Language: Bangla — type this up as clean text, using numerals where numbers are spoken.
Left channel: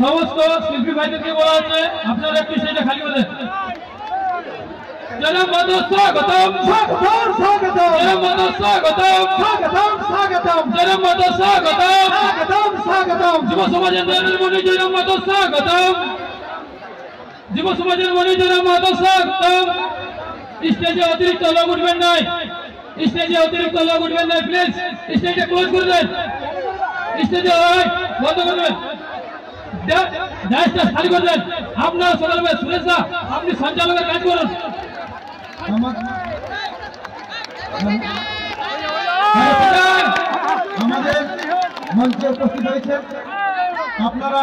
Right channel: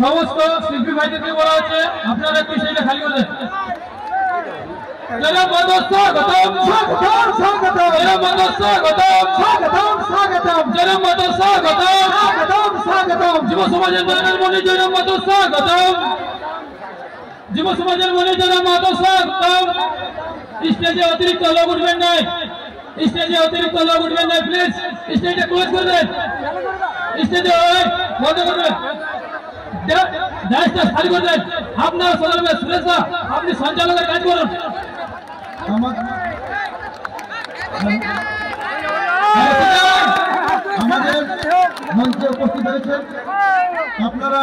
সমস্ত শিল্পী ভাইদেরকে বলা হচ্ছে আপনারা একটু স্টেজটা খালি করে দেন। জনাব মাধব স্বাগতম স্বাগতম স্বাগতম জনাব মাধব স্বাগতম স্বাগতম স্বাগতম জনাব মাধব স্বাগতম স্বাগতম স্বাগতম যুব সমাজের মনের মনে জনাব মাধব স্বাগতম যুব সমাজের মনে জনাব মাধব স্বাগতম। স্টেজে অতিরিক্ত লোক উঠবেন নাই, স্টেজে অতিরিক্ত লোক উঠবেন নাই, প্লিজ স্টেজটা ক্লোজ করে দেন, স্টেজে বন্ধ করে দেন, খালি করে দেন। আপনার সদর সুরেশ দা আপনি সঞ্চালকের কাজ করুন। আমাদের মঞ্চে উপস্থিত হয়েছেন আপনারা।